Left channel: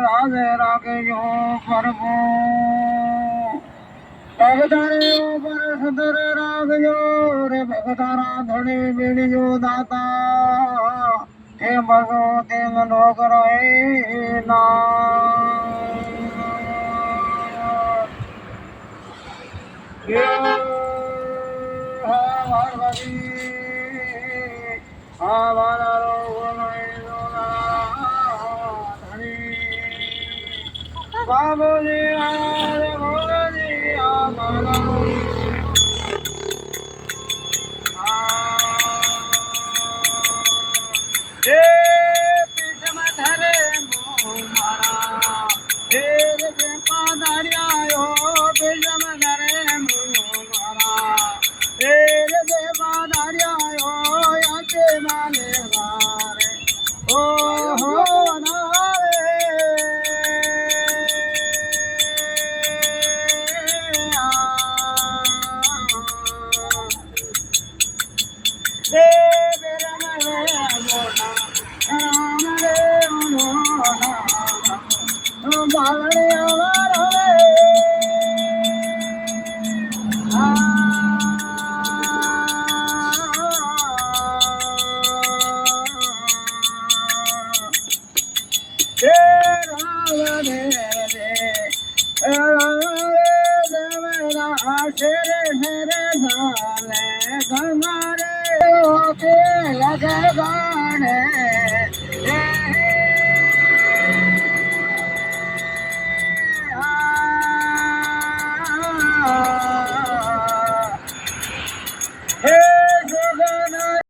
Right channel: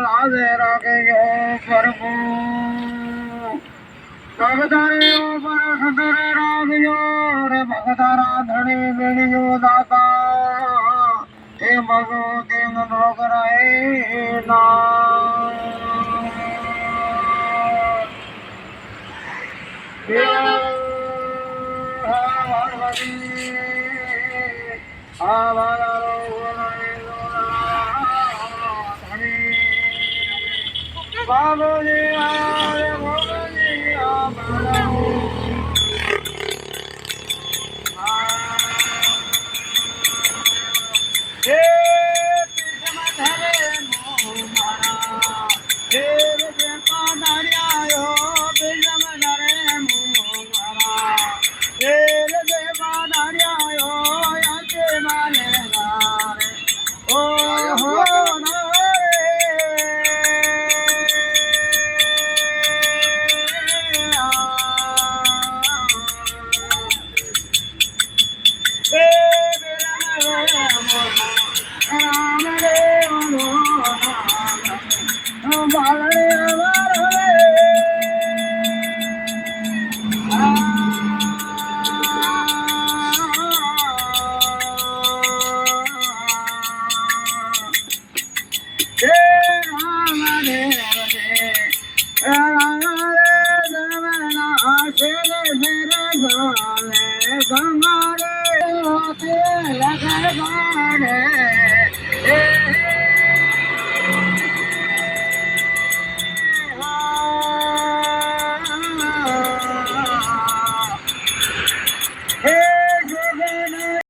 राधे राखियो प्रभु भगतारे पर सदर राखियो रे भगतारा धनी बेड़ियो दाता ते मगो तेम नौकराए ना बाबूजी आरे भोगजी आमारो हे पिछम धरे मोमारा हे रे पादारियायो पिछम धरे मोमारा हे रे पादारियायो याते माने रे ओ हो हमारे